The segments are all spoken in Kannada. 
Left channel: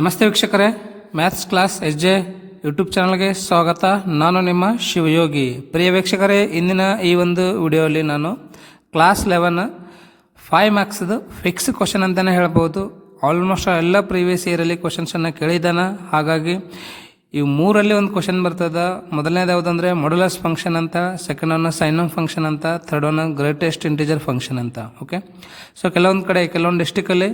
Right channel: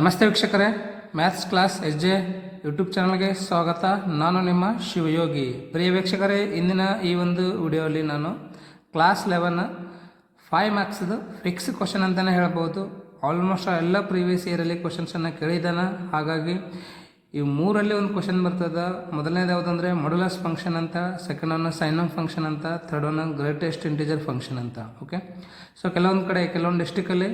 ನಮಸ್ತೆ ವೀಕ್ಷಕರೇ, maths class S J YouTube ಚಾನಲ್ಗೆ ಸ್ವಾಗತ. ನಾನು ನಿಮ್ಮ ಶಿವಯೋಗಿ. ಪ್ರಿಯ ವೀಕ್ಷಕರೇ, ಇಂದಿನ ಈ ಒಂದು ವಿಡಿಯೋಲಿ ನಾನು ಕ್ಲಾಸ್ 11 5 ಮಾರ್ಕ್ಸ್ದು ಫಿಕ್ಸ್ ಕ್ವಶನ್ ಅಂತಲೇ ಹೇಳ್ಬೋದು. ಆಲ್ಮೋಸ್ಟ್ ಎಲ್ಲ ಪ್ರೀವಿಯಸ್ ಇಯರಲ್ಲಿ ಕ್ವಶನ್ಸನ್ನು ಕೇಳಿದ್ದಾನೆ. ಹಾಗಾಗಿ ಇವು ಮೂರಲ್ಲಿ ಒಂದು ಕ್ವಶನ್ ಬರ್ತದೆ. ಮೊದಲನೇದು ಯಾವುದಂದರೆ ಮಾಡ್ಯುಲಸ್ ಫಂಕ್ಷನ್ ಅಂತ, ಸೆಕೆಂಡ್ ಒನ್ ಸೈನ್ ಫಂಕ್ಷನ್ ಅಂತ, third one greatest integer function ಅಂತ. ಓಕೆ, ಸೊ ಕೆಲವೊಂದು ಕಡೆ ಕೆಲವೊಂದು ಡಿಸ್ಟಿಕಲ್ಲಿ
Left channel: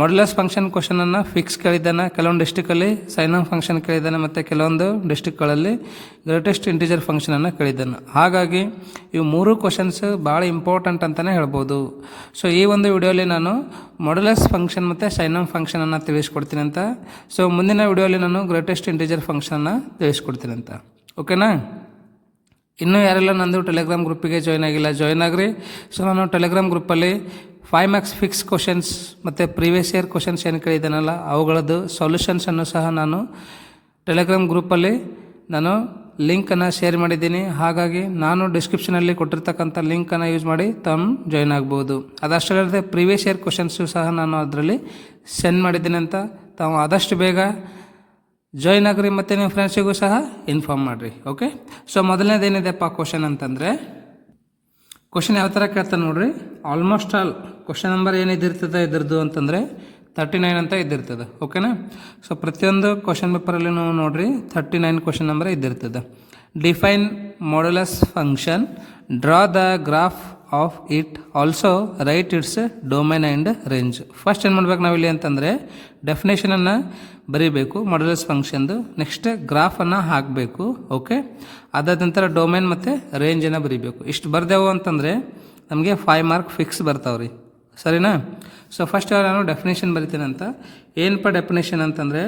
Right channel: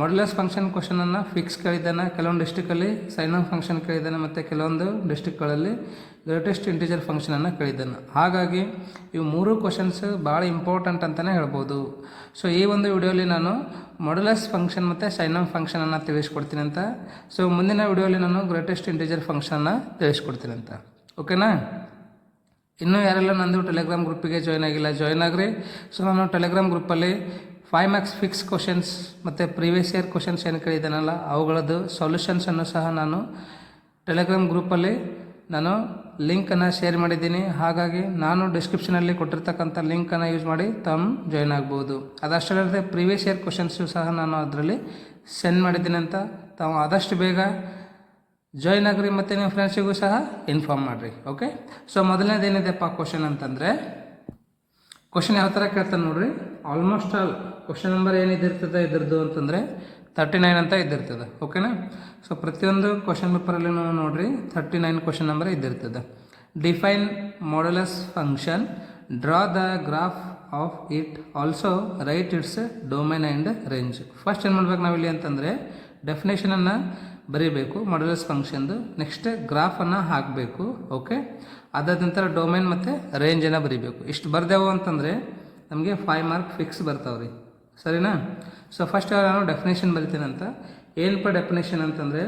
ಮಾಡ್ಯುಲಸ್ ಫಂಕ್ಷನ್ ಕ್ವಶನನ್ನು ಫಿಕ್ಸ್ ಕೇಳಿದ್ದಾನೆ, ಕೆಲವೊಂದು ಡಿಸ್ಟಿಕಲ್ಲಿ ಸೈನ್ ಫಂಕ್ಷನ್ ಕೇಳಿದ್ದಾನೆ, ಮತ್ತು ಕೆಲವೊಂದು ಡಿಸ್ಟಿಕ್ಗಳಲ್ಲಿ ಗ್ರೇಟೆಸ್ಟ್ ಇಂಟಿಜರ್ ಫಂಕ್ಷನನ್ನು ಕೇಳಿದ್ದಾನೆ. ಹಾಗಾಗಿ ಇವು ಮೂರು ಕ್ವಶನ್ಸ್ ಭಾಳ ಇಂಪಾರ್ಟೆಂಟ್ ಅಂತಲೇ ಹೇಳ್ಬೋದು. ಸೊ ಈ ಒಂದು ವಿಡಿಯೋಲಿ ನಾನು ಮಾಡ್ಯುಲಸ್ ಫಂಕ್ಷನ್ ಮತ್ತು ಸೈನ್ ಫಂಕ್ಷನನ್ನು ತಿಳಿಸ್ಕೊಡ್ತೀನಿ ಅಂತ. ಸೊ ಮುಂದಿನ ವಿಡಿಯೋಲಿ ನಾನು ಗ್ರೇಟೆಸ್ಟ್ ಇಂಟಿಜರ್ ಫಂಕ್ಷನ್ನ ತಿಳಿಸ್ಕೊಡ್ತೀನಿ ಅಂತ. ಓಕೆನಾ? ಇನ್ನೂ ಯಾರೆಲ್ಲ ನಂದು ಟೆಲಿಗ್ರಾಮ್ ಗ್ರೂಪಿಗೆ ಜಾಯ್ನ್ ಆಗಿಲ್ಲ, ಜಾಯ್ನ್ ಆಗ್ರಿ. ಸೊ ನಾನು ಟೆಲಿಗ್ರಾಮ್ ಗ್ರೂಪಲ್ಲಿ 5 ಮಾರ್ಕ್ಸ್ ಫಿಕ್ಸ್ ಕ್ವಶನ್ಸ್ ಮತ್ತು ಪ್ರೀವಿಯಸ್ ಇಯರ್ ಕ್ವಶನ್ಸ್ ಏನು ಕೇಳಿದ್ದಾನಲ್ಲ ಅವುಗಳದ್ದು ಸೊಲ್ಯೂಷನ್ಸನ್ನು ಸಹ ನಾನು ಟೆಲಿಗ್ರಾಮ್ ಗ್ರೂಪಲ್ಲಿ ನಾನು ಲಿಂಕನ್ನು ಶೇರ್ ಮಾಡಿದ್ದೀನಿ. ಹಾಗಾಗಿ ನಾನು ಡಿಸ್ಕ್ರಿಪ್ಷನಲ್ಲಿ ಕೊಟ್ಟಿರ್ತಕ್ಕಂಥ ಲಿಂಕನ್ನು ಯೂಸ್ ಮಾಡಿ ತಾವು ಜಾಯ್ನ್ ಆಗ್ಬೋದು. ಅದಷ್ಟಲ್ಲದೆ ಪ್ರೀವಿಯಸ್ ಇಯರ್ ಕ್ವಶನ್ಸು ಸಹ ನಾನು ಅದರಲ್ಲಿ ಸೆಂಡ್ ಮಾಡಿದ್ದೀನಿ ಅಂತ ತಾವು ಆದಷ್ಟು ಬೇಗ ಜಾಯ್ನ್ ಆಗ್ರಿ ಮತ್ತು ನಿಮ್ಮ ಫ್ರೆಂಡ್ಸಿಗೂ ಸಹ ಇನ್ಫಾರ್ಮ್ ಮಾಡಿರಿ. ಓಕೆ, ಸೊ ಮೊದಲನೇದೇನಿದೆಪ್ಪ ಕ್ವಶನ್ ಅಂತಂದರೆ, ಕ್ವಶನ್ ಯಾವ ಥರ ಕೇಳ್ತಾನೆ ನೋಡ್ರಿ. ಆಲ್ಮೋಸ್ಟ್ ಆಲ್ ಕ್ವಶನ್ ನಂಬರ್ ಏನಿದಿರ್ತದೆ ಇದ್ರದ್ದು ಅಂತಂದರೆ 39 ಅಂತ ಇದ್ದಿರ್ತದೆ. ಓಕೆನಾ? ಸೊ ಪ್ರತಿಯೊಂದು ಕ್ವಶನ್ ಪೇಪರಲ್ಲಿ ನಾವು ನೋಡ್ರಿ 39 ಕ್ವಶನ್ ನಂಬರ್ ಇದ್ದಿರ್ತದೆ. Define modulus function, draw the graph of it, also write its domain and range. First ಏನು ಮಾಡ್ಬೇಕು ನಾವಿಲ್ಲಿ ಅಂತಂದರೆ ಡೆಫಿನೇಷನನ್ನು ಬರೀಬೇಕು ಮಾಡ್ಯುಲಸ್ ಫಂಕ್ಷನ್ದು, ನೆಕ್ಸ್ಟ್ ಗ್ರಾಫನ್ನು ಹಾಕಬೇಕು. ಓಕೆ, ಅದಾದ ನಂತರ ಡೊಮೈನ್ ಮತ್ತು ರೇಂಜನ್ನು ಬರೀಬೇಕು. ಇಷ್ಟು ಬರ್ದೆವು ಅಂತಂದರೆ ನಮಗೆ 5 ಮಾರ್ಕ್ ಫಿಕ್ಸ್ ಬರ್ತಾವ್ರಿ. ಸರಿನಾ? ಸೊ ಫಸ್ಟ್ ನಾನು ಡೆಫಿನೇಷನ್ ಬರಿತೀನಿ ಅಂತ. ಏನಪ್ಪ ಡೆಫಿನೇಷನ್ ಅಂತಂದರೆ,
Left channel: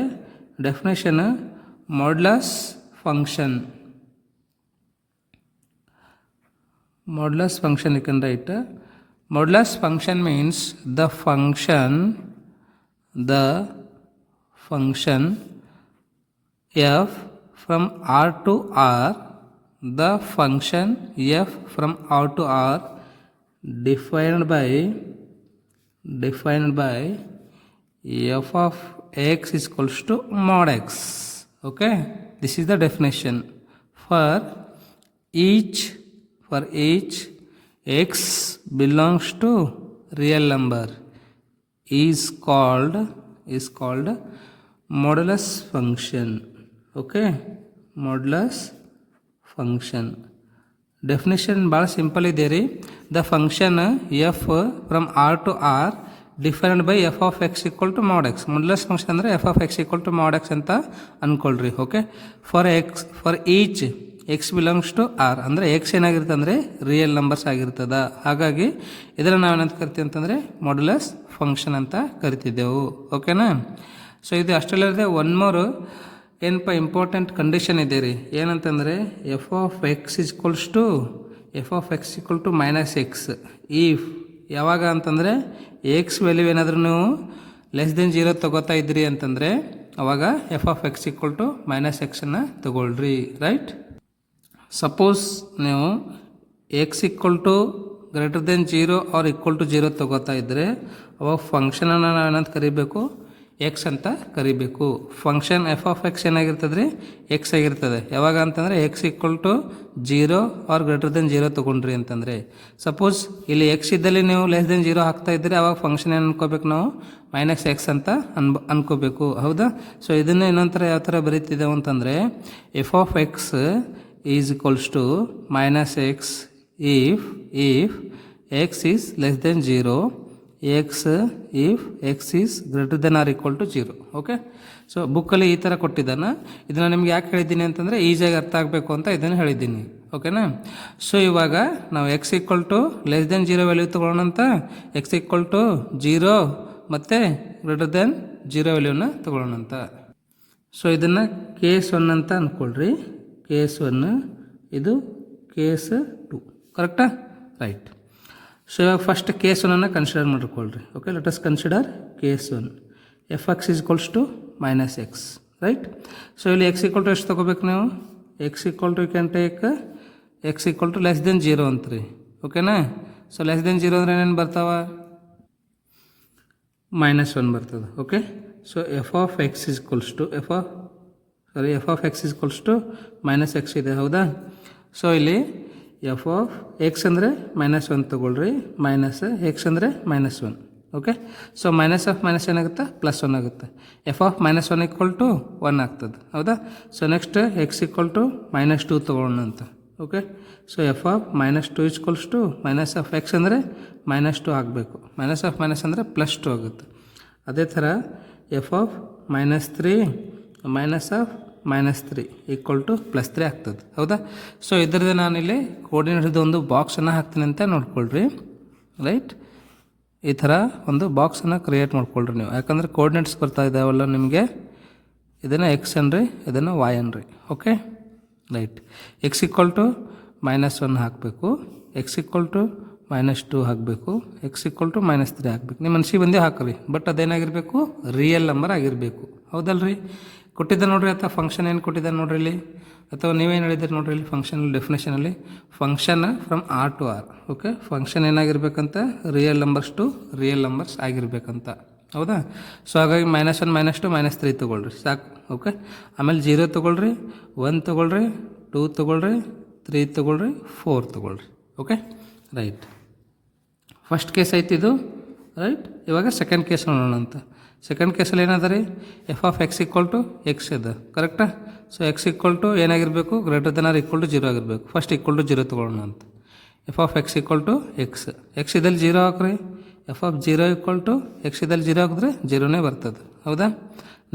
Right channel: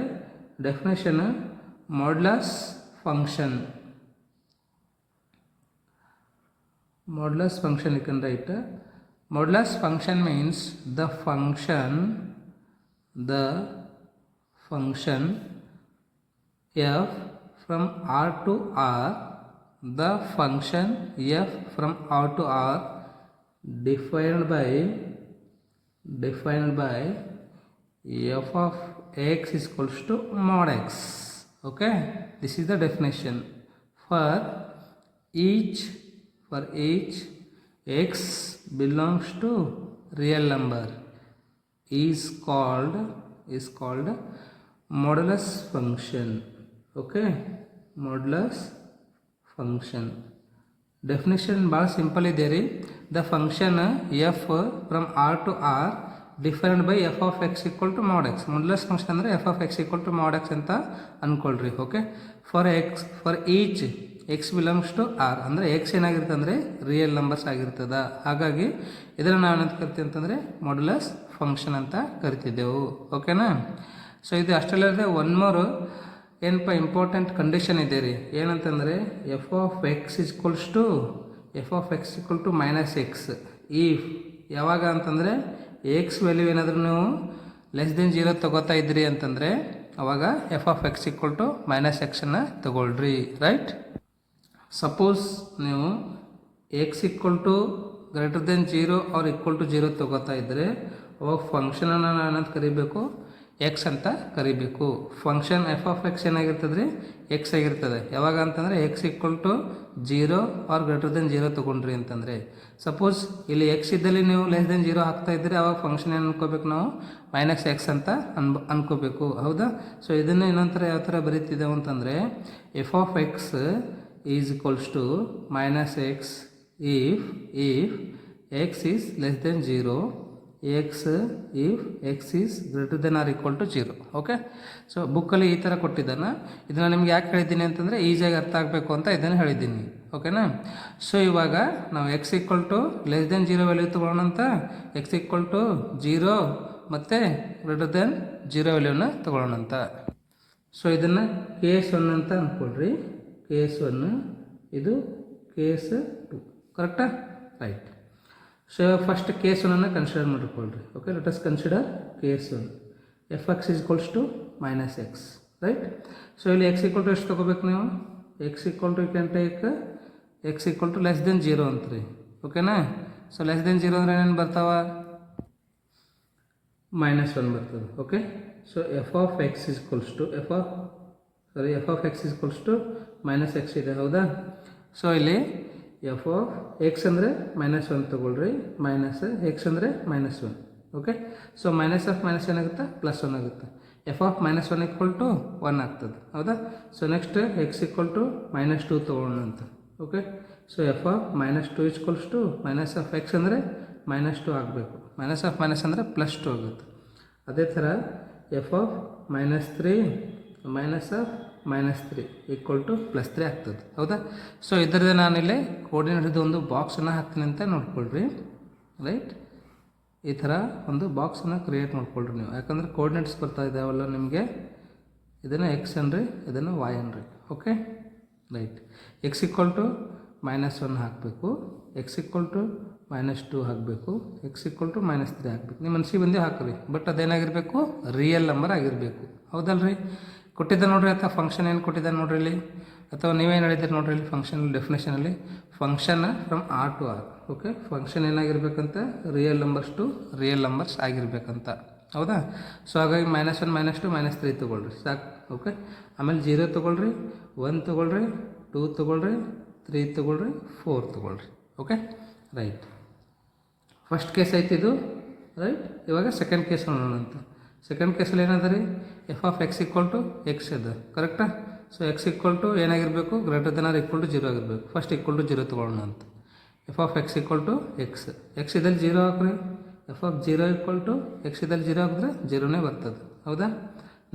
definition modulus function. Modulus function you can write. Modulus function means the function f from R to R, the function f from R to R defined by f of x is equals to mod x. Okay, this is the definition. For each x belongs to real number is called modulus function. Okay, modulus function definition ಭಾಳ ಸಿಂಪಲ್ ಇದೆ ರೀ. The function f from R to R defined by f of x equal to mod x. Modulus function ಅಂದರೆ f of x equal to mod x ಅಂತ ಅಂದ್ಕೊಳ್ರಿ. Okay, for each x belongs to R ಅಂದರೆ ಎಕ್ಸ್ ಏನಾಗಿರುತ್ತೆ ಅಂದರೆ ರಿಯಲ್ ನಂಬರ್ಸ್ ಆಗಿರ್ತದ. ಹಾಗಾಗಿ ಇದನ್ನು ನಾವು ಏನಂತ ಕರಿತೀವಿ ಅಂತಂದರೆ ಮಾಡ್ಯುಲಸ್ ಫಂಕ್ಷನ್ ಅಂತ ಕರಿತಿದ್ದೆವು. ಓಕೆನಾ? ಸೊ ಇದು ಅಷ್ಟಲ್ಲದೆ ಒನ್ ಮೋರು ಏನಪ್ಪ ಇಂಪಾರ್ಟೆಂಟ್ ಕಂಡೀಷನ್ ಇದೆ ರೀ. ಏನಂತಂದರೆ f of x equals to minus x. If ಯಾವಾಗ ಅಂತಂದರೆ ಎಕ್ಸ್ ವ್ಯಾಲ್ಯೂ ಏನಾದರೂ ನೀವು ಲೆಸ್ ದೆನ್ 0 ತೊಗೋತಾ ಇದ್ರಿ ಅಂತಂದರೆ ಅವಾಗ f of x equal to minus ಎಕ್ಸನ್ನು ತೊಗೊಳ್ರಿ. ರೈಟ್? ಸಪೋಸ್ ನೀವು x equal to greater than 0 or equal to 0 ತೊಗೋತಾ ಇದ್ದರೆ ಅವಾಗ ಫಂಕ್ಷನನ್ನು ನಾವು ಏನಂತ ಕರಿಬೇಕು, ಎಕ್ಸ್ ಅಂತ ಕರಿಬೇಕು. ಫಂಕ್ಷನ್ ಎಫ್ ಆಫ್ ಎಕ್ಸ್ ಏನಾಗಿರ್ತದೆ ರೀ, ಎಕ್ಸ್ ಆಗಿರ್ತದೆ. ಯಾವಾಗ ಅಂತಂದರೆ x equal to 0 or greater than 0 ತೊಗೊಂಡ್ರಿ ಅಂತಂದರೆ. ಸಪೋಸ್ ಇಲ್ಲಿ ಎಕ್ಸ್ ಇದ್ದಲ್ಲಿ ನೀವು ಲೆಸ್ ದೆನ್ 0 ಹಾಕ್ತಾ ಇದ್ದರೆ ಅವಾಗ ಫಂಕ್ಷನ್ ಏನು ಅನ್ಕೋಬೇಕು ನಾವು, ಮೈನಸ್ ಎಕ್ಸ್ ಅಂತ ಅನ್ಕೋಬೇಕು. ಹೌದಾ? ಸೊ ಇದನ್ನು ಇನ್ನೊಂಥರ ಯಾವ ಥರ ಬರೀತಿದ್ದೇವೆ ಅಂತಂದರೆ f of x is equals to minus x if x is less than 0, if x is greater than or equal to 0. Okay, so ಬುಕ್ಕಲ್ಲಿ ಈ ಥರ ಕೊಟ್ಟಿದ್ದಾನೆ. ಇದನ್ನು ನಿಮ್ಗೆ ಯಾಕೆ ಹೇಳಿದ್ದೀನಿ ಅಂತಂದರೆ ಈಸಿಯಾಗಿ ಅರ್ಥ ಆಗಬೇಕು ಅಂತ ಇದನ್ನು ಹೇಳಿದ್ದೀನಿ. ಓಕೆನಾ? ಸೊ ಇವಾಗ ನಾವು x equal to less than 0 value ತೊಗೊಳ್ಳೋಣ ಅಂತ, ಎಕ್ಸ್ ಈಕ್ವಲ್ ಟು 0 ಮತ್ತು ಗ್ರೇಟರ್ ದೆನ್ 0 ವ್ಯಾಲ್ಯೂನ ತೊಗೊಳ್ಳೋಣ ಅಂತ. ಸೊ ಇದನ್ನು ಕೇಸ್ 1 ಅಂತ ಅಂದ್ಕೊಳ್ರಿ. ಕೇಸ್ 1, ಇದು ಕೇಸ್ 2. ಕರೆಕ್ಟಾ? Right. So first case 1 consider ಮಾಡಿಕೊಳ್ರಿ. Okay, let us consider case 1. F x is equals to minus x. Right? So ಇಲ್ಲಿ ಎಕ್ಸ್ ಈಕ್ವಲ್ ಟು ಎಷ್ಟು ತೊಗೋಬೇಕು ನಾವು, x equal to you can take x equal to less than 0 ಅಂತ ರೀ. ಓಕೆನಾ? ಸೊ ಲೆಸ್ ದೆನ್ 0 ಅಂದರೆ ಏನೇನು ಬರ್ತಾವ, -1 ಬರ್ತದೆ. Okay, so f of x is equals to f of x is equals to minus x ಇದೆ, ಹೌದಾ? ಸೊ ಇಲ್ಲಿ ಎಫ್ ಆಫ್ ಎಕ್ಸ್ ಅಂದರೆ -1 ತೊಗೊಳ್ರಿ, ಮೈನಸ್ ಎಕ್ಸ್ ಅಂದರೆ -1. Okay, so minus of minus ಏನಾಗುತ್ತೆ, +1 ಆಗುತ್ತೆ. ಎಫ್ ಆಫ್ -1 ಈಕ್ವಲ್ ಟು 1 ಆಗ್ತದೆ, ಹೌದಾ? So next x equal to -2 ತೊಗೊಳ್ಳೋಣ ಅಂತ. Okay, so f of -2 equals to minus of x ಅಂದರೆ -2 ಆಗಬೇಕು. ಮೈನಸ್ ಆಫ್ ಮೈನಸ್ ಅಂದರೆ +2 ಆಗುತ್ತೆ. ಅದೇ ಥರ f of -3 minus of -3 equal to +3 ಆಗ್ತದೆ, ಹೌದಾ? ಸೊ ಇದರದ್ದು ನಾನಿಲ್ಲಿ ಕೋರ್ಡಿನೇಟ್ದು ಒಂದು ಬಾಕ್ಸನ್ನು ಹಾಕ್ತೀನಿ ಅಂತ ನೋಡ್ಕೊಳ್ರಿ, ರೈಟ್? ಈ ಥರ ಒಂದು ಬಾಕ್ಸನ್ನು ಕ್ರಿಯೇಟ್ ಮಾಡ್ಕೊಳ್ರಿ ನೀವು, ಯಾಕಂದರೆ ಕೋರ್ಡಿನೇಟ್ಸ್ ಬರ್ತಾ ಇದ್ದಾವಲ್ಲ ನಿಮಗೆ. ಇದನ್ನು ಎಕ್ಸ್ ಅನ್ರಿ, ಇದನ್ನು ವೈ ಅನ್ರಿ. Okay, right. X equal to -1 ಹಾಕಬೇಕು, ಎಕ್ಸ್ ಈಕ್ವಲ್ ಟು -2 ಹಾಕಬೇಕು, ಎಕ್ಸ್ ಈಕ್ವಲ್ ಟು -3 ಹಾಕಬೇಕು. ನಿಮ್ಮ ಮನಸ್ಸಿಗೆ ಬಂದೇ ಹಾಕ್ರಿ, ಬಟ್ ಅದೇನಾಗಿರಬೇಕು, ರಿಯಲ್ ನಂಬರ್ ಆಗಿರಬೇಕು, ಹೌದಲ್ರಿ? ಕೊಟ್ಟಿದ್ದ ನೋಡ್ರಿ, ಅಥವಾ ಫಂಕ್ಷನ್ ಏನು ಕೊಟ್ಟಿದ್ದಾರೆ ನೋಡ್ರಿ ಇಲ್ಲಿ, ಅಥವಾ ನೀವೇನು ಹೇಳಿದ್ದೀರಿ ನೋಡ್ರಿ ಇಲ್ಲಿ ಫಂಕ್ಷನ್ ಡೆಫಿನೇಷನಲ್ಲಿ, function from R to R. Okay, function ಏನಾಗಿರ್ಬೇಕಂತ, real numbers to real numbers ಆಗಿರಬೇಕಂತ, ಹೌದಾ? ಸೊ ಹಾಗಾಗಿ -1 -2 -3 ತೊಗೊಳ್ರಿ ಸಾಕು. ಓಕೆ, ಆಮೇಲೆ 0 ತೊಗೊಳ್ರಿ, 1 ತೊಗೊಳ್ರಿ, 2 ತೊಗೊಳ್ರಿ, 3 ತೊಗೊಳ್ರಿ, 4 ತೊಗೊಳ್ರಿ. Okay, right. ಫಸ್ಟ್ ಕೇಸ್ ಐತಿ ಇದು, ರೈಟ್? ಇವಾಗ ಸೆಕೆಂಡ್ ಕೇಸ್ ನೋಡೋಣ ಅಂತ. ಸೆಕೆಂಡ್ ಕೇಸಲ್ಲಿ ಏನದ ರೀ, f of x equal to x ಇದೆ, ಕರೆಕ್ಟಾ? ಸೊ ಎಕ್ಸ್ ಈಕ್ವಲ್ ಟು ಏನಾಗಿರಬೇಕು, greater than or equal to 0 ಆಗಿರಬೇಕು. ಫಸ್ಟ್ ಈಕ್ವಲ್ ಟು 0 ತೊಗೊಳ್ಳೋಣ ಅಂತ. F of x equal to x, x ಇದಲ್ಲಿ 0 ಹಾಕ್ರಿ. F of 0 equal to x ಇದಲ್ಲಿ 0 ಹಾಕಿದ್ರೆ 0ನೇ ಬರ್ತದೆ, ಹೌದಾ?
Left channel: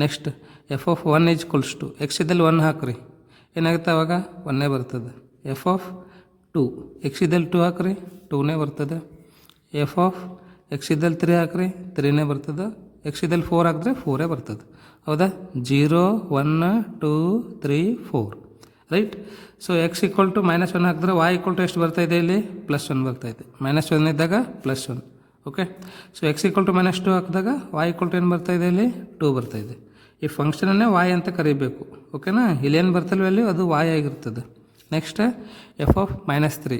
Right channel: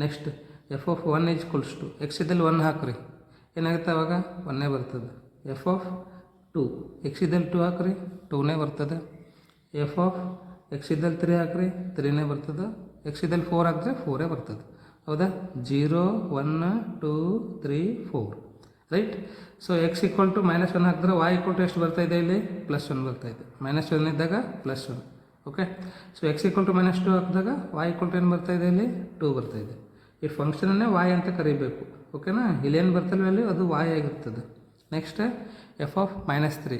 Next f of 1 equals to x ಇದಲ್ಲಿ 1 ಹಾಕ್ರಿ, ಏನಾಗುತ್ತೆ ಅವಾಗ 1ನೇ ಬರ್ತದೆ. ಎಫ್ ಆಫ್ 2 ಎಕ್ಸ್ ಇದಲ್ಲಿ 2 ಹಾಕ್ರಿ, 2ನೇ ಬರ್ತದೆ. ಎಫ್ ಆಫ್ ಎಕ್ಸ್ ಇದ್ದಲ್ಲಿ 3 ಹಾಕ್ರಿ, 3ನೇ ಬರ್ತದೆ. ಎಕ್ಸ್ ಇದ್ದಲ್ಲಿ 4 ಹಾಕಿದ್ರೆ 4 ಬರ್ತದೆ, ಹೌದಾ? 0 1 2 3 4, right? So x equal to -1 ಹಾಕಿದ್ರೆ ವೈ ಈಕ್ವಲ್ ಟು ಎಷ್ಟು ಬರ್ತಾಯಿದೆ, ಇಲ್ಲಿ +1 ಬರ್ತಾಯಿದೆ. -1 ಇದ್ದಾಗ +1. Okay, so x equal to -2 ಹಾಕಿದಾಗ ವೈ ಈಕ್ವಲ್ ಟು ಏನು ಬರ್ತಾಯಿದೆ, ಇಲ್ಲಿ 2 ಬರ್ತಾಯಿದೆ. ಈ ಫಂಕ್ಷನನ್ನೇ ವಾಯ್ ಅಂತ ಕರಿಬೇಕು, ಓಕೆನಾ? ಇಲ್ಲೇನು ಬರ್ತಲ್ವ ಇಲ್ಲಿ, ಅದು ವಾಯ್ ಆಗಿರ್ತದೆ. ನೆಕ್ಸ್ಟ್ ಎಫ್ ಆಫ್ -3,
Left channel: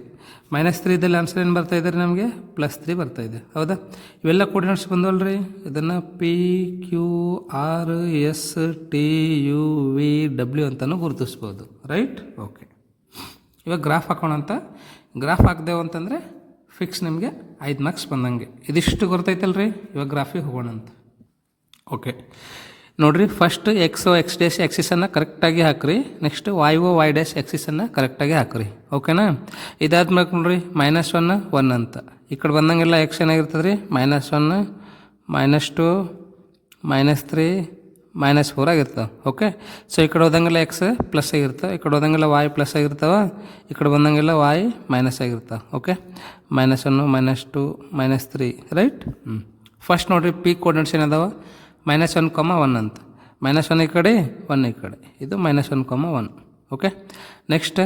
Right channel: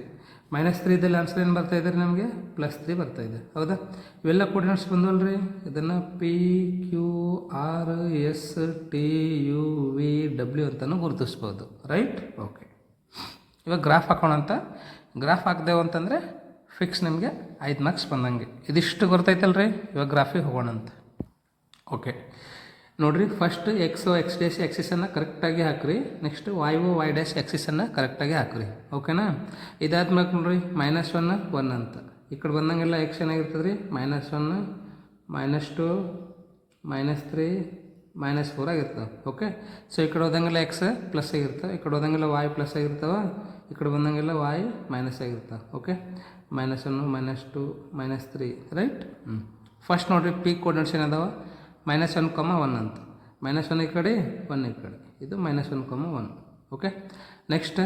-3 ಇದ್ದಲ್ಲಿ ಆನ್ಸರ್ ಏನು ಬರ್ತಾಯಿದ್ದಾರೆ ನಮಗೆ, +3 ಬರ್ತಾಯಿದೆ, ಹೌದಾ? ಇವೆಲ್ಲ ಕೋರ್ಡಿನೇಟ್ಸ್ ಬಂದವಲ್ರಿ, ಇದನ್ನು P Q R S T U V W ಅಂತಲೂ ಗುರುತಿಸ್ಬೋದು, ರೈಟ್? ಓಕೆ, ಇವಾಗ ಗ್ರಾಫ್ ಹಾಕೋಣ ಅಂತ. ಗ್ರಾಫ್ ಹಾಕ್ದೇವು ಅಂತಂದರೆ ಫಿಕ್ಸ್ ನಿಮಗೆ 5 ಮಾರ್ಕ್ಸ್ ಬಂದಂಗೆ. ಇದಿಷ್ಟು ಗೊತ್ತೈತಲ್ರಿ, ಇವಾಗ ಗ್ರಾಫಿಗೆ ಹೋಗೋಣ ಅಂತ. ಓಕೆ, ನೋಡಿರಿ, ಫಸ್ಟ್ ಎಕ್ಸ್ ಡೇಸ್ ಎಕ್ಸಿಸನ್ನು ಕರೆಕ್ಟಾಗಿ ಹಾಕ್ರಿ. ನೆಕ್ಸ್ಟ್ ವೈ ಡೇಸ್ ಎಕ್ಸಿಸನ್ನು ಕರೆಕ್ಟಾಗಿ ಹಾಕ್ರಿ, ಓಕೆನಾ? ಇದಾದ್ಮೇಲೆ ನೋಡಿರಿ, -1 1 ಅಂತ ಈ ಕಡೆ ಬಂದಂಗೆಲ್ಲ ಎಕ್ಸ್ ಏನಾಗಿರ್ತದೆ ರೀ, -1 -2 -3 -4 ಆಗಿರ್ತವೆ. ಓಕೆ, ಸೊ ಈ ಕಡೆ ಹೋದಂಗೆಲ್ಲ ಎಕ್ಸ್ ಪ್ಲಸ್ ಆಗಿರ್ತವೆ, ಈ ಕಡೆ ಹೋದಂಗೆಲ್ಲ ವೈ ಪ್ಲಸ್ ಆಗಿರ್ತಾವೆ, ಈ ಕಡೆ ಬಂದಂಗೆಲ್ಲ ವೈ ಮೈನಸ್ ಆಗಿರ್ತಾವೆ. Okay, -1 -2 -3, right? ಫಸ್ಟ್ ನೋಡಿರಿ, ಪಿ ಕೋರ್ಡಿನೇಟ್ಸ್ ಏನದಾವ, -1, 1 ಅಂತ. -1 ಈ ಕಡೆ, 1 ಈ ಕಡೆ, ಇದು -1, 1. Okay, next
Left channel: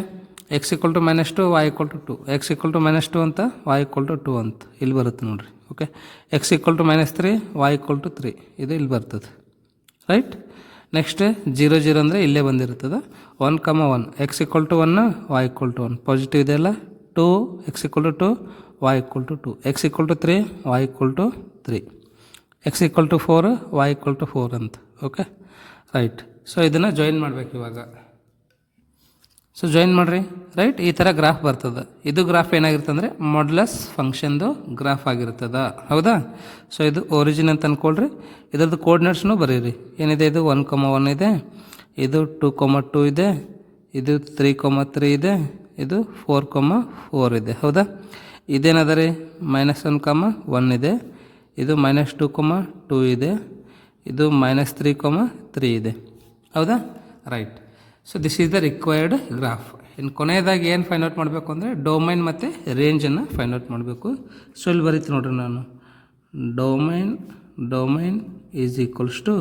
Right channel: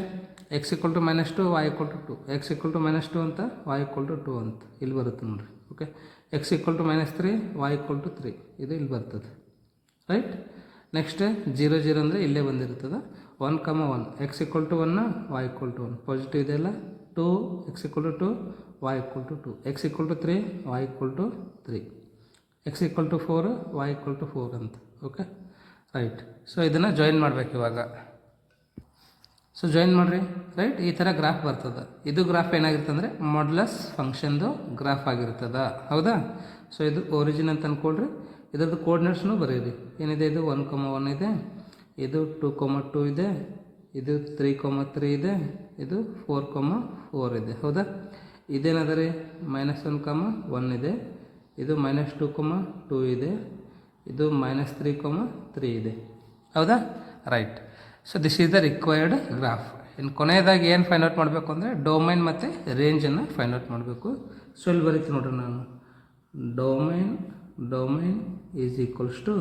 x equal to -2 y equal to 2, x equal to -2 ಅಂತ ವೈ ಈಕ್ವಲ್ ಟು 2 ಅಂತ ಇಲ್ಲಿ ಬರುತ್ತೆ ನೋಡಿರಿ. Okay, x equal to -3 y equal to 3, ಇದು ಇಲ್ಲಿ ಬರ್ತದೆ, ರೈಟ್? ನೆಕ್ಸ್ಟ್ 0 0 ಅಂದರೆ ಇಲ್ಲೇ ಬಂದಿರ್ತದೆ. 1, 1 x equal to 1 y equal to 1 positive ಇದೆಯಲ್ಲ. 2 x equal to 2 y equal to 2, x equal to 3 y equal to 3, x equal to 4 y equal to 4 ಅಂತ. Okay, right? ಸೊ ಇದನ್ನು ಜಾಯಿನ್ ಮಾಡಬೇಕು ಇವಾಗ. ಸೊ ಜಾಯಿನ್ ಮಾಡಿರಿ, ರೈಟ್? ಈ ಥರ ಗ್ರಾಫ್ ಬರ್ತದೆ. ಇದು ಗ್ರಾಫ್ ಏನಾಗಿರ್ತದೆ ಅಂದರೆ ಮಾಡ್ಯುಲಸ್ ಫಂಕ್ಷನ್ದು ಗ್ರಾಫ್ ಆಗಿರ್ತದೆ, ಹೌದಾ? ಸೊ ಇದು ಒರಿಜಿನ್ ಅಂತ ಅಂದ್ಕೊಳ್ರಿ. ಇದರದ್ದು ಕೋರ್ಡಿನೇಟ್ಸ್ನು ಬರೀರಿ. ಏನಿದೆ, ಇದು 1, 1 ಇದೆ, ಇದು 2, 2 ಇದೆ, ಇದು 3, 3 ಇದೆ, ಇದು 4, 4 ಇದೆ, ಹೌದಾ? ಇದೇನದ ರೀ, -1, 1 ಇದೆ, ಇದು -2, 2 ಇದೆ, ಇದು -3, 3 ಇದೆ, ಹೌದಾ? Right. So this is the required graph. ಇನ್ನು ಕೊನೆಯದಾಗಿ ಏನು ಫೈಂಡ್ ಔಟ್ ಮಾಡಬೇಕು ಅಂದರೆ ಡೊಮೈನ್ ಮತ್ತು ರೇಂಜನ್ನು ಫೈಂಡ್ ಔಟ್ ಮಾಡಬೇಕು. ಸೊ ಇಲ್ಲಿ ಬರೀತೀನಿ ನೋಡ್ರಿ ನಾನು, domain is equals to,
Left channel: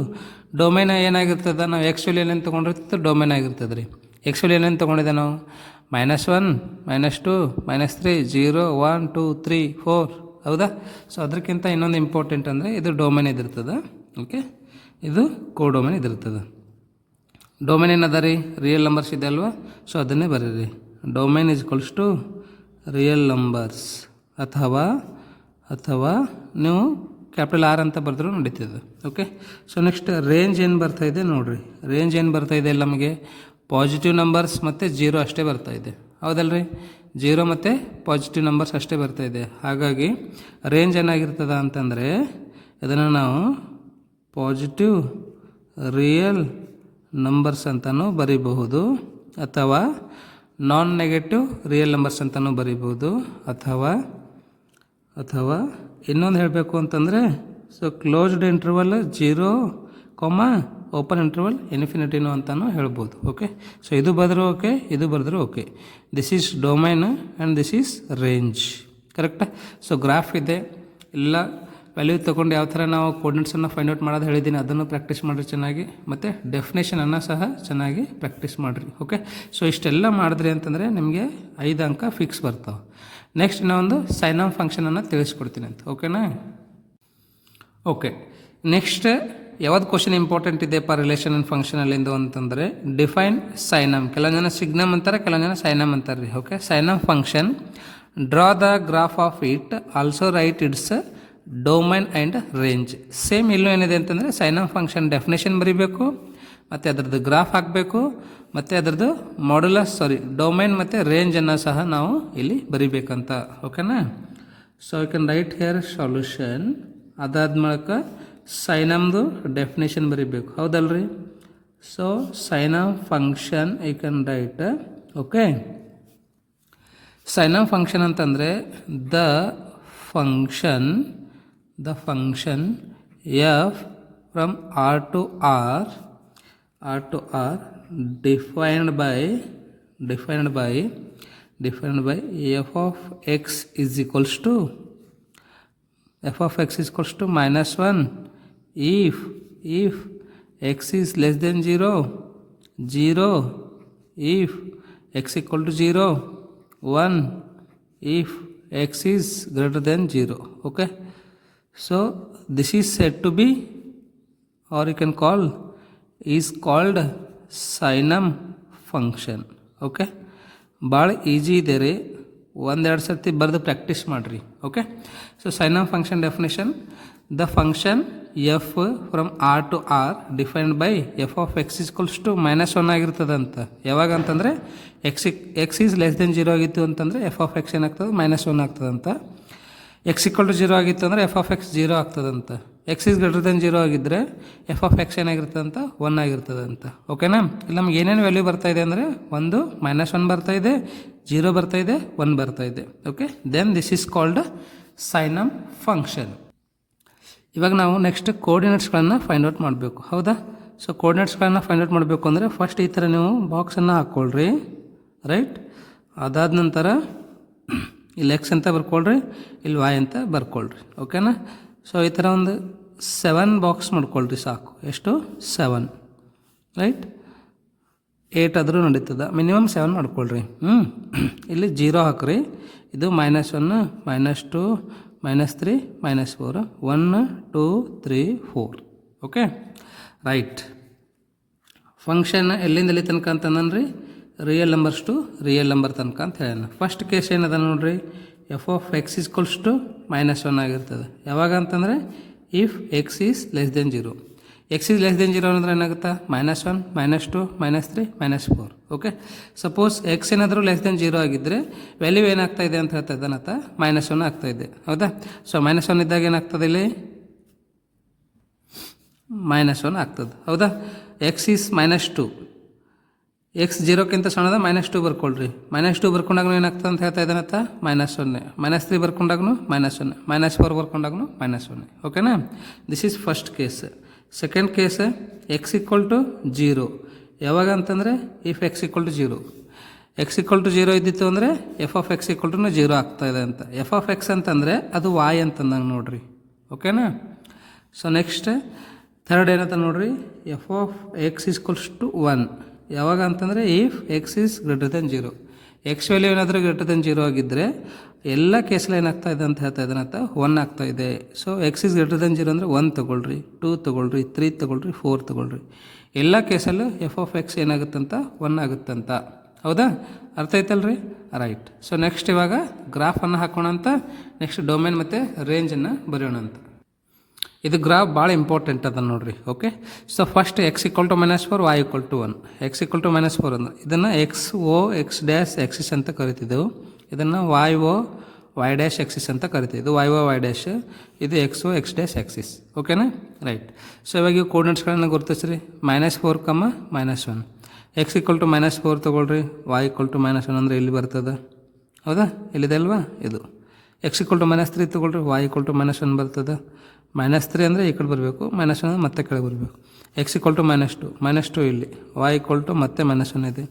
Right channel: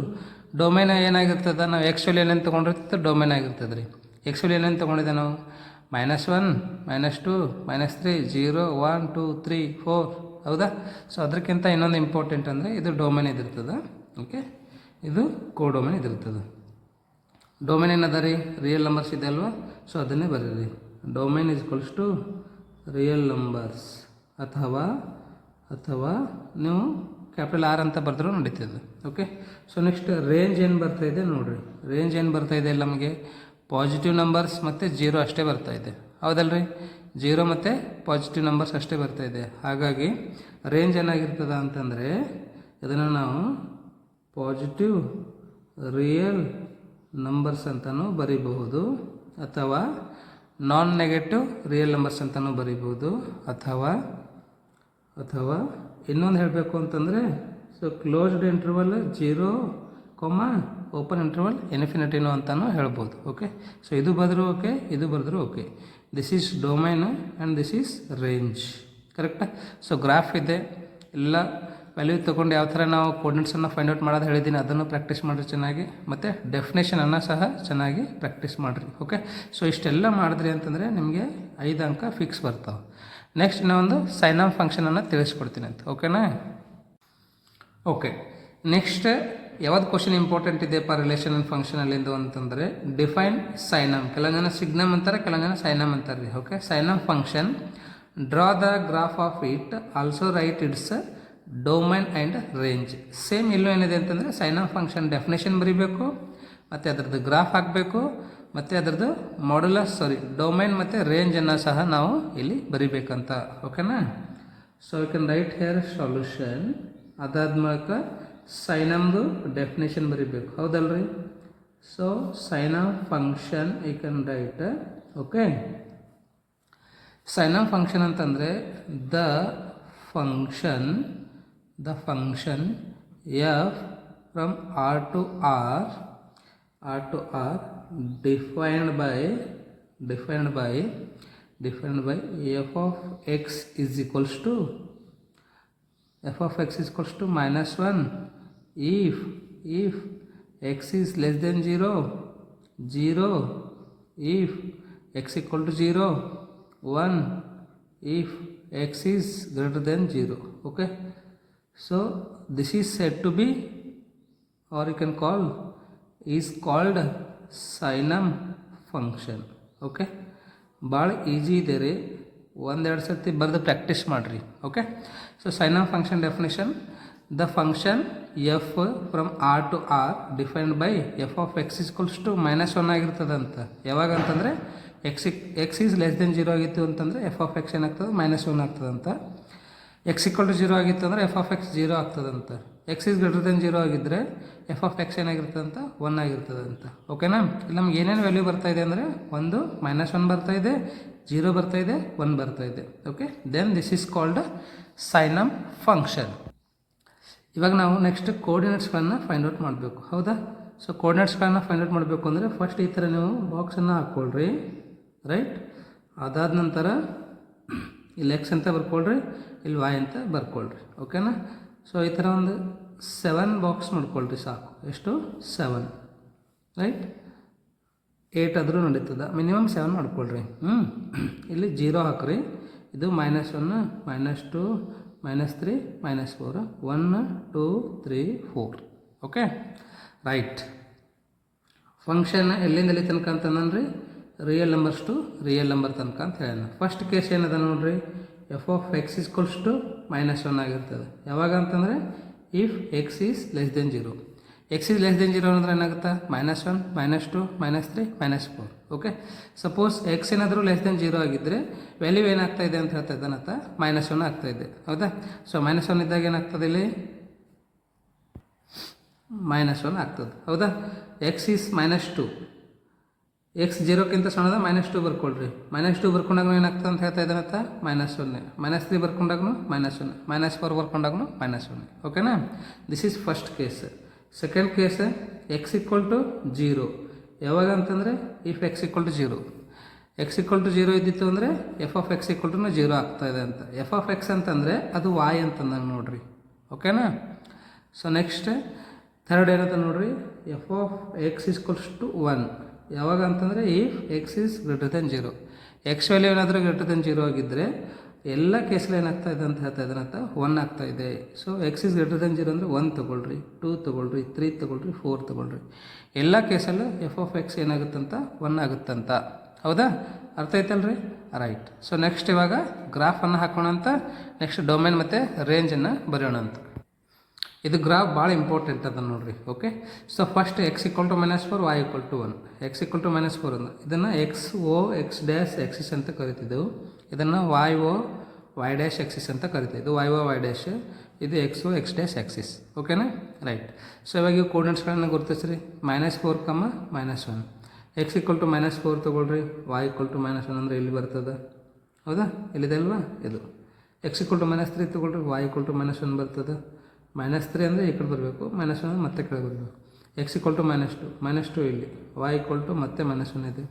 domain ಏನಾಗಿರ್ತದೆ, ನಾವು ಆ್ಯಕ್ಚುಲಿ ಏನೇನು ತೊಗೊಂಡಿರ್ತದೆ ಡೊಮೈನ್ ಆಗಿರ್ತದೆ ರೀ. ಆ್ಯಕ್ಚುಲಿ ಏನೇನು ತೊಗೊಂಡಿದ್ದೆ ನಾವು, -1 -2 -3 0 1 2 3 4, ಹೌದಾ? ಸೊ ಅದಕ್ಕಿಂತ ಇನ್ನೊಂದು ಇಂಪಾರ್ಟೆಂಟ್ ಅಂದರೆ ಇದು ಡೊಮೈನ್ ಇದಿರ್ತದೆ. ಓಕೆ, ಇದು ಕೋಡೊಮೈನ್ ಇದಿರ್ತದೆ. ಡೊಮೈನ್ ಏನದ ರೀ, ರಿಯಲ್ ನಂಬರ್ಸ್ ಇದೆ ಅಲ್ವಾ? ಸೊ ಅದನ್ನೇ ಬರೀರಿ. Domain is equals to real numbers, ಅಥವಾ ನೀವು ಕ್ಯಾಪಿಟಲ್ ಆರ್ ಅಂತ ಬರೆದ್ರೂ ನಡೀತದೆ. ಓಕೆ, ಸೊ ನೆಕ್ಸ್ಟ್ ರೇಂಜ್ ಏನು ಬರ್ತಾಯಿದೆ ನೋಡಿರಿ. ರೇಂಜ್ ಏನು ಬರ್ತಾಯಿದೆ ನಮಗೆ ಪಾಸಿಟಿವ್ ನಂಬರ್ಸ್ ಮತ್ತು ಜೀರೋ ಅಷ್ಟೇ ಬರ್ತಾಯಿದೆ, ಹೌದಲ್ರಿ? ಜೀರೋ ಮತ್ತು ಪಾಸಿಟಿವ್ ನಂಬರ್ಸ್ ಅಷ್ಟೇ ಬರ್ತಾಯಿದೆ. ಹಾಗಾಗಿ ರೇಂಜ್ ಏನಾಗಿರ್ತದ ಅಂತಂದರೆ ಇದನ್ನು ನಾವು ಪಾಸಿಟಿವ್ ರಿಯಲ್ ನಂಬರ್ಸ್ ಅಂತಲೂ ಬರೀಬಹುದು, ಅಥವಾ ನಾನ್ ನೆಗೆಟಿವ್ ರಿಯಲ್ ನಂಬರ್ಸ್ ಅಂತಲೂ ಬರೀಬೋದು, ಅಥವಾ ಇನ್ನೊಂದು ಹೇಳಬೇಕು ಅಂತಂದರೆ so closed interval 0, open interval ಇನ್ಫಿನಿಟಿನೋ ಅಂತಲೂ ಹೇಳ್ಬೋದು. ಓಕೆ, ಸೊ ಇದು ಬರೆದ್ರೂ ಓಕೆ, ಇದು ಬರೆದ್ರೂ okay. This is domain and this is range. ಕರೆಕ್ಟಾ? ಸೊ ಗ್ರಾಫ್ ಇದೆ, ಎಲ್ಲ ವ್ಯಾಲ್ಯೂ ತೊಗೊಂಡು ಯಾವ ಥರ ನಾವು ಕೋರ್ಡಿನೇಟ್ಸನ್ನು ಫೈಂಡ್ ಔಟ್ ಮಾಡೋದು ಹೇಳಿದ್ದೀನಿ, ಅದನ್ನು ಪ್ರಾಕ್ಟೀಸ್ ಮಾಡಿರಿ ಚೆನ್ನಾಗಿ, ಮತ್ತು ಡೆಫಿನೇಷನನ್ನು ಸಹ ಚೆನ್ನಾಗಿ ಪ್ರಾಕ್ಟೀಸ್ ಮಾಡಿರಿ. ಓಕೆ, ಸೊ ಇಷ್ಟೆಲ್ಲ ಮಾಡಿದ್ರಿ ಅಂತಂದರೆ ನಿಮಗೆ 5 ಅಂಕ ಫಿಕ್ಸ್ ಬರ್ತಾವೆ. ನೆಕ್ಸ್ಟ್ ಇನ್ನೊಂದು ಸೈನ್ ಆಫ್ ಫಂಕ್ಷನನ್ನು ತಿಳಿಸ್ಕೊಡ್ತೀನಿ ಅಂತ. ಓಕೆನಾ? ಓಕೆ, ನೆಕ್ಸ್ಟ್ ಯಾವ್ದು ಕ್ವಶನ್ ಇಂಪಾರ್ಟೆಂಟ್ ಇದೆಯಪ್ಪ ರಿಲೇಷನ್ ಆ್ಯಂಡ್ ಫಂಕ್ಷನಲ್ಲಿಂದು ಅಂತಂದರೆ ಡಿಫೈನ್ ಸೈನಮ್. ಕೆಲವು ಜನ ಸಿಗ್ನಮ್ ಅಂತಾರೆ, ಕೆಲವು ಜನ ಸೈನಮ್ ಅಂತಾರೆ ರೀ. Okay, signum function, draw the graph of it, also write its domain and range. Same ಇಲ್ಲೂ ಏನಿದೆ ಅಂತಂದರೆ ಸೈನಮ್ ಫಂಕ್ಷನ್ ಡೆಫಿನೇಷನ್ ಬರೀಬೇಕು, ಮತ್ತು ಅದರದ್ದು ಗ್ರಾಫ್ ಹಾಕಬೇಕು, ಮತ್ತು ಅದರದ್ದು ಡೊಮೈನ್ ಮತ್ತು ರೇಂಜನ್ನು ಸಹ ನಾವು ಇಲ್ಲಿ ಬರಿಬೇಕಂತ. ಓಕೆನಾ? So I can write here solution. ಅದಾದ ಮೂಲಕ ಸೈನಮ್ದು ಡೆಫಿನೇಷನ್ ಬರೀಬೇಕು, ಹೌದಲ್ರಿ? So signum function I can write. Okay, signum function ಅಂತಂದರೆ the function f from R to R defined by f of x is equals to -1 if x is less than 0 if x equal to 0, 1 if x is greater than 0. Okay, so this is said to be, or you can call, is called signum function. Okay, ಭಾಳ ಈಜಿ ಇದೆ ರೀ, ಒಂದೆರಡು ಸರ್ತಿ ಬರೆದು ಪ್ರಾಕ್ಟೀಸ್ ಮಾಡಿರಿ. Okay, so signum function definition, the function f from R to R defined by f of x equals to -1 ಆಗಿರ್ತದಂತ. ಯಾವಾಗ ಅಂತಂದರೆ ಎಕ್ಸ್ ಈಸ್ ಲೆಸ್ ದೆನ್ 0 ಆಗಿತ್ತು ಅಂತಂದರೆ ಎಫ್ ಆಫ್ ಎಕ್ಸ್ ಏನಾಗ್ತದೆ -1 ಆಗ್ತದಂತ. ಎಕ್ಸ್ ಈಕ್ವಲ್ ಟು 0 ಆಗಿತ್ತು ಅಂದರೆ ಎಫ್ ಆಫ್ ಎಕ್ಸ್ 0 ಆಗ್ತದಂತ. ಎಕ್ಸ್ ಈಸ್ ಗ್ರೇಟರ್ ದೆನ್ 0 ಆಗಿದ್ದರೆ ಎಫ್ ಆಫ್ ಎಕ್ಸ್ ಏನಾಗಿರ್ತದಂತ 1 ಆಗಿರ್ತದಂತ. ಓಕೆನಾ? ಇಲ್ಲಿ ನಮ್ಗೆ ಏನೇನು ವ್ಯಾಲ್ಯೂ ಬರ್ತಾಯಿದೆ ಅಂದರೆ ಒಂದು -1 ಬರ್ತಾಯಿದೆ, 0 ಬರ್ತಾಯಿದೆ, 1 ಬರ್ತಾಯಿದೆ. Okay, then this is called signum function. ಇವಾಗ ನಾವು ನೆಕ್ಸ್ಟ್ ಕೋಆರ್ಡಿನೇಟ್ಸ್ಗಳನ್ನು ಫೈಂಡ್ ಔಟ್ ಮಾಡಬೇಕು, ಹೌದಾ? ಸೊ ಕೋಆರ್ಡಿನೇಟ್ಸ್ಗಳನ್ನು ಫೈಂಡ್ ಔಟ್ ಮಾಡಬೇಕು ಅಂದರೆ ಫಸ್ಟ್ ಈ ಥರ ನೀವು ಬಾಕ್ಸನ್ನು ಹಾಕ್ಕೊಳ್ರಿ, ರೈಟ್? ಅದಾದ ನಂತರ ಇಲ್ಲಿ ಎಕ್ಸ್ ಅಂತ ಬರ್ಕೊಳ್ರಿ, ಇಲ್ಲಿ ವೈ ಅಂತ ಬರ್ಕೊಳ್ರಿ. ಓಕೆನಾ? ಸೊ ಈ ಥರ ಒಂದು 7 ಬಾಕ್ಸ್ ಮಾಡ್ಕೊಳ್ರಿ ಸಾಕು. ಎಷ್ಟು? 7, ರೈಟ್? 8 ಆದರೂ ನಡೀತದೆ, ಮಿನಿಮಮ್ 7 ಮಾಡ್ಕೊಳ್ರಿ. ಇಲ್ಲಿ 0 ಹಾಕ್ರಿ, ಇದು -1, -2, -3, -4, 1, 2, 3, 4. Okay, right. ಫಂಕ್ಷನ್ ಎಲ್ಲಿಂದ ಎಲ್ಲಿ ತನಕ ಅಂತಂದ್ರಿ? Real numbers to real number ತನಕ ಅಂತ ಹೇಳೋಣ. ಫಸ್ಟ್ ಕೇಸ್ ಏನದ ನೋಡ್ರಿ, f of x equals to -1 ಆಗಿರ್ತದೆ. ಯಾವಾಗ ಅಂತಂದರೆ if x is less than 0. X is less than 0 ಅಂದರೆ ಏನಾಗುತ್ತೆ? -1, -2, -3, -4. ಓಕೆ, ಸಪೋಸ್ ಎಕ್ಸ್ ಏನಾದರೂ ಲೆಸ್ ದೆನ್ 0 ಆಗಿದ್ದರೆ ವ್ಯಾಲ್ಯೂ ಏನಾಗ್ತಾ ಇದೆ ಅಂತ ಹೇಳ್ತಾ ಇದ್ದಾನತ್ತ -1 ಆಗ್ತಾಯಿದೆ, ಹೌದಾ? ಸೊ -1 ಇದ್ದಾಗ ಏನಾಗ್ತದೆ ಇಲ್ಲಿ? -1 ಆಗ್ತದೆ, ಹೌದಾ? ಎಕ್ಸ್ ಈಸ್ -2, ಎಕ್ಸ್ 0ಕ್ಕಿಂತ ಸಣ್ಣದ -2 ಬರ್ಕೊಳ್ರಿ. -2 ಬರ್ಕೊಂಡಾಗೂ ಏನಾಗ್ತದೆ ಅಂತ ಹೇಳ್ತಾ ಇದ್ದಾನತ್ತ -0, -3 ಬರ್ಕೊಂಡಾಗೂ -1, -4 ಬರ್ಕೊಂಡಾಗೂ -1. ಓಕೆನಾ? This is first case. Second case x equal to 0. ಯಾವಾಗ ಅಂತಂದರೆ if x equal to 0. X equal to 0 ಇದ್ದಿತ್ತು ಅಂದರೆ f of x equal to 0 ಆಗ್ತಾಯಿದೆ ಅಂತ. ಎಫ್ ಆಫ್ ಎಕ್ಸ್ ಅಂತಂದರೆ ಅದು ವಾಯ್ ಅಂತಂದಂಗೆ ನೋಡ್ರಿ. ಓಕೆನಾ? ಸೊ ನೆಕ್ಸ್ಟ್ ಥರ್ಡ್ ಏನಂತ ನೋಡ್ರಿ, f of x equals to 1. ಯಾವಾಗ ಅಂತಂದರೆ if x is greater than 0. X value ಏನಾದರೂ ಗ್ರೇಟರ್ ದೆನ್ 0 ಆಗಿದ್ದರೆ ಎಲ್ಲ ಕೇಸಲ್ಲಿ ಏನಾಗ್ತಾ ಇದೆ ಅಂತ ಹೇಳ್ತಾ ಇದ್ದಾನಂತ 1 ಆಗ್ತಾಯಿದೆ. So X is greater than 0 ಅಂದರೆ 1 ತೊಗೊಳ್ರಿ, 2 ತೊಗೊಳ್ರಿ, 3 ತೊಗೊಳ್ರಿ, 4 ತೊಗೊಳ್ರಿ. ಎಲ್ಲ ಕೇಸಲ್ಲೂ ಎಫ್ ಆಫ್ ಎಕ್ಸ್ ಏನಾಗುತ್ತಂತ 1 ಆಗುತ್ತಂತ, ಹೌದಾ? ಅರ್ಥ ಆಯ್ತಲ್ರಿ? ರೈಟ್. ಸೊ ನೆಕ್ಸ್ಟ್ ಇವಾಗ ಗ್ರಾಫನ್ನು ಹಾಕೋಣ ಅಂತ, ನೆಕ್ಸ್ಟ್ ಡೊಮೈನ್ ಮತ್ತು ರೇಂಜನ್ನು ಬರೆಯೋಣ ಅಂತ. ಇದು ಗ್ರಾಫ್ ಭಾಳ ಇಂಪಾರ್ಟೆಂಟ್ ಅದ ನೋಡ್ರಿ. Okay, so first x equal to -4 y equal to 1. X equal to -4 ಅಂದ್ರೆ ಇದನ್ನು x o x dash axis ಅಂತ ಕರಿತಿದ್ದೆವು. ಇದನ್ನು y o y dash axis ಅಂತ ಕರಿತೀವಿ. ಇದು ವೈ ಓ ವೈ ಡ್ಯಾಶ್, ಇದು x o x dash axis. ಓಕೆನಾ, ರೈಟ್. ಸೊ ಇವಾಗ ಇವು ಕೋರ್ಡಿನೇಟ್ಸ್ಗಳನ್ನು ಗುರುತಿಸ್ರಿ. -4, -1. ಎಕ್ಸ್ ಈಕ್ವಲ್ ಟು -4 ತೊಗೊಳ್ರಿ. y ಈಕ್ವಲ್ ಟು -1 ಅಂದರೆ ಇಲ್ಲಿ ಬರ್ತದೆ, ಹೌದಾ? ಇಲ್ಲಿದೆ ಅಲ್ವಾ ಇದು. ಎಕ್ಸ್ ಈಕ್ವಲ್ ಟು -3 ತೊಗೊಳ್ರಿ. y ಈಕ್ವಲ್ ಟು -1 ಬರ್ತದೆ. -3 ಅಂದರೆ ಈ ಕಡೆ ಬರಬೇಕು, -1 ಅಂದರೆ ಮತ್ತೆ ಕೆಳಗೆ ಬರಬೇಕು. ಎಕ್ಸ್ ಈಕ್ವಲ್ ಟು -2 ಇಲ್ಲಿ. y ಈಕ್ವಲ್ ಟು ಮತ್ತೆ -1 ಇದೆ.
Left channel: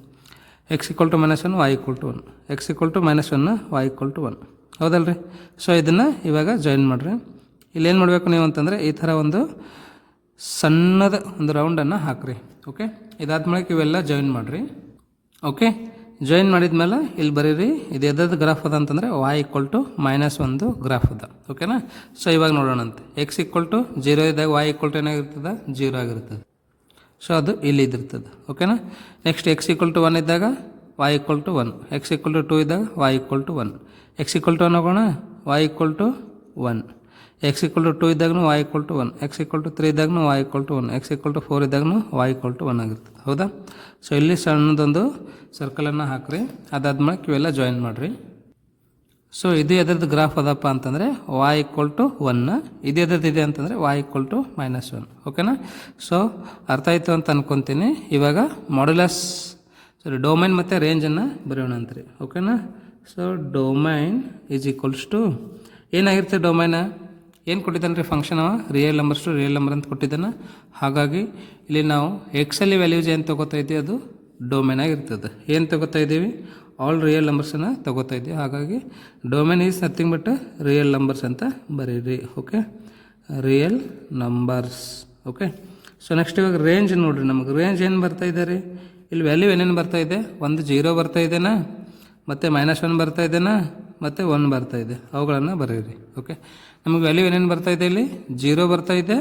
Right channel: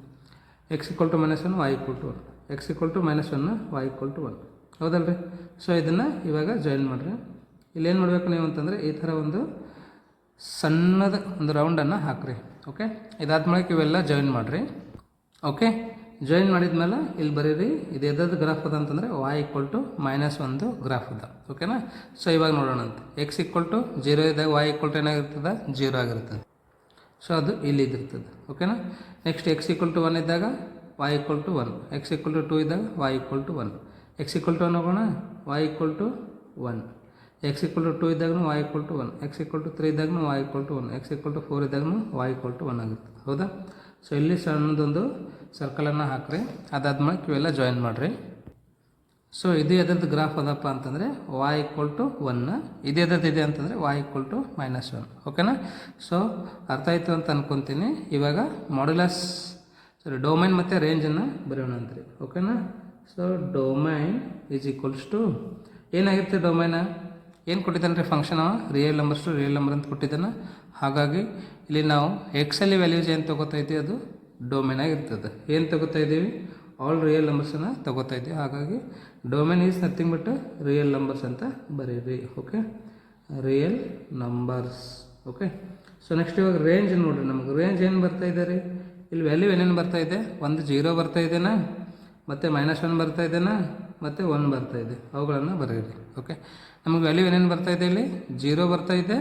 X equal to -1 y equal to 1. X equal to -1 y equal to 1. ಹೌದಲ್ರಿ? ಸೊ ಇದನ್ನು ಇವಾಗ ಜಾಯಿನ್ ಮಾಡಿರಿ. ಇಲ್ಲೇನು ಮಾಡಬೇಕು ನೀವು ಅಂತಂದರೆ ಈ ಥರ ಒಂದು ಸಣ್ಣದ ಒಂದು ರೌಂಡನ್ನು ಹಾಕಿರಿ. ಓಕೆ, ಇದಾದ್ಮೇಲೆ ಇವೆಲ್ಲ ಜಾಯಿನ್ ಮಾಡಿರಿ. ಓಕೆ, ಜಾಯಿನ್ ಮಾಡಿದ್ಮೇಲೆ ಇಲ್ಲಿ ಬರೀರಿ. ಇದು ಎದ್ದು ಗ್ರಾಫ್ ಅದ ಅಂತಂದರೆ y ಈಕ್ವಲ್ ಟು -1 ಗ್ರಾಫ್ ಅದ. ಓಕೆನಾ? ಸೊ ಇವಾಗ ನೋಡೋಣಂತೆ. ಎಕ್ಸ್ ಈಕ್ವಲ್ ಟು 0 ಇದ್ದಾಗ y ಈಕ್ವಲ್ ಟು ಏನಾಗಿರ್ತದೆ? 0 ಆಗಿರ್ತದೆ. ಸೊ ಅದು ಇಲ್ಲಿ ಇದಿರ್ತದೆ. ಓಕೆನಾ? ನೆಕ್ಸ್ಟ್ ಎಕ್ಸ್ ಈಕ್ವಲ್ ಟು 1 ಇದ್ದಾಗ y equal to 1. X equal to 2 ಇದ್ದಾಗ y equal to 1. X equal to 1 ಹೋಗೋಣ, y equal to 1. X equal to 2 ಇದ್ದಾಗೂ y equal to 1. X equal to 3 ಇದ್ದಾಗೂ y equal to 1. X equal to 4 ಇದ್ದಾಗೂ y ಈಕ್ವಲ್ ಟು 1 ಆಗಿರ್ತದೆ. ಹೌದಾ? ಸೊ ಇಲ್ಲಿ ಸಣ್ಣದೊಂದು ಸರ್ಕಲನ್ನು ಹಾಕಿರಿ. ಅದಾದ್ಮೇಲೆ ಇವೆಲ್ಲ ಜಾಯಿನ್ ಮಾಡಿರಿ. ಸೊ ಇದು ಎದ್ರದ್ದು ಗ್ರಾಫ್ ಅದಪ್ಪ ಅಂತಂದರೆ y ಈಕ್ವಲ್ ಟು 1. ಇದು ಎದ್ರದ್ದಿದೆ ಅಂತಂದರೆ y ಈಕ್ವಲ್ ಟು -1. ಓಕೆನಾ? ಸೊ ಅರ್ಥ ಆಯಿತು ಅಂತ ಅನ್ಕೊತೀನಿ. ಇವಾಗ ಮಾಡ್ಯುಲಸ್ ಡೊಮೈನ್ ಮತ್ತು ರೇಂಜನ್ನು ಬರೆಯೋಣ ಅಂತ್ರಿ. ಓಕೆನಾ? So domain is equals to ಏನಾಗಿರ್ತದೆ? ಡೊಮೈನ ಏನು ಕೊಟ್ಟಿದ್ದಾನೆ ರೀ? Function real numbers to real number ಅಂತ ಕೊಟ್ಟಿದ್ದಾನೆ. ಹಾಗಾಗಿ ಇಲ್ಲಿ ನಾವು ಎಕ್ಸಲ್ಲಿ ವ್ಯಾಲ್ಯೂಸ್ ಏನು ತೊಗೋತಾ ಇದ್ದೀವಿ ಅದು ಡೊಮೈನ್ ಆಗಿರ್ತದೆ. ಏನು ತೊಗೋತಾ ಇದ್ದೀವಿ? ಆಲ್ ರಿಯಲ್ ನಂಬರ್ಸನ್ನು ತೊಗೋತಾ ಇದ್ದೀವಿ. ಹಾಗಾಗಿ domain is nothing but real numbers ಅಂತ ಬರೀರಿ. Okay, real numbers. Okay, so next ಇವಾಗ ರೇಂಜ್ ನೋಡಿರಿ. ನಮಗೆ ರೇಂಜ್ ಏನು ಬರ್ತಾ ಇದೆ ರೀ? ಇಲ್ಲಿ ವ್ಯಾಲ್ಯೂ ಏನೇನು ಬರ್ತಾ ಇದೆ? ಒಂದು 0 ಬರ್ತಾ ಇದೆನಾ, ಮತ್ತು -1 ಬರ್ತಾ ಇದೆನಾ, ಮತ್ತು 1 ಬರ್ತಾ ಇದೆ. ಅವುಗಳನ್ನು ಬರೀರಿ. ಓಕೆ, ನಮಗೆ ವ್ಯಾಲ್ಯೂ ಏನೇನು ಬರ್ತಾ ಇದೆ? ಇಲ್ಲಿ 0 ಬರ್ತಾ ಇದೆ,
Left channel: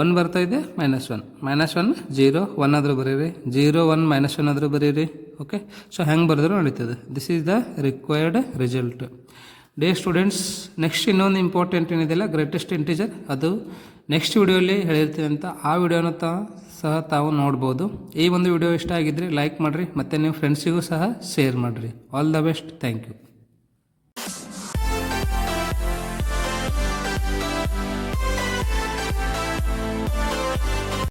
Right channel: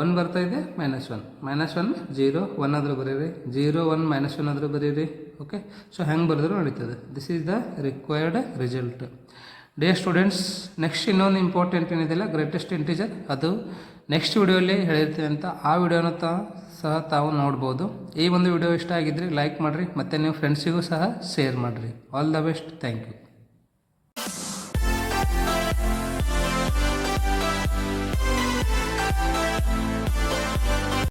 1 ಬರ್ತಾ ಇದೆ, -1. -1 0 1 ಆದರೂ ಬರೀರಿ. 0 1 -1 ಆದರೂ ಬರೀರಿ. ಓಕೆ, ಸೊ ಹೆಂಗೆ ಬರೆದ್ರು ನಡೀತದೆ. This is the required result. Day students, next ಇನ್ನೊಂದು ಇಂಪಾರ್ಟೆಂಟ್ ಏನಿದೆಯಲ್ಲ, ಗ್ರೇಟೆಸ್ಟ್ ಇಂಟಿಜರ್, ಅದು ನೆಕ್ಸ್ಟ್ ವಿಡಿಯೋಲಿ ಹೇಳಿರ್ತೀನಿ ಅಂತ. ಆ ವಿಡಿಯೋನ ಸಹ ತಾವು ನೋಡ್ಬೋದು. ಈ ಒಂದು ವಿಡಿಯೋ ಇಷ್ಟ ಆಗಿದ್ದರೆ ಲೈಕ್ ಮಾಡಿರಿ, ಮತ್ತು ನಿಮ್ಮ ಫ್ರೆಂಡ್ಸಿಗೂ ಸಹ ಶೇರ್ ಮಾಡಿರಿ. All the best. Thank you.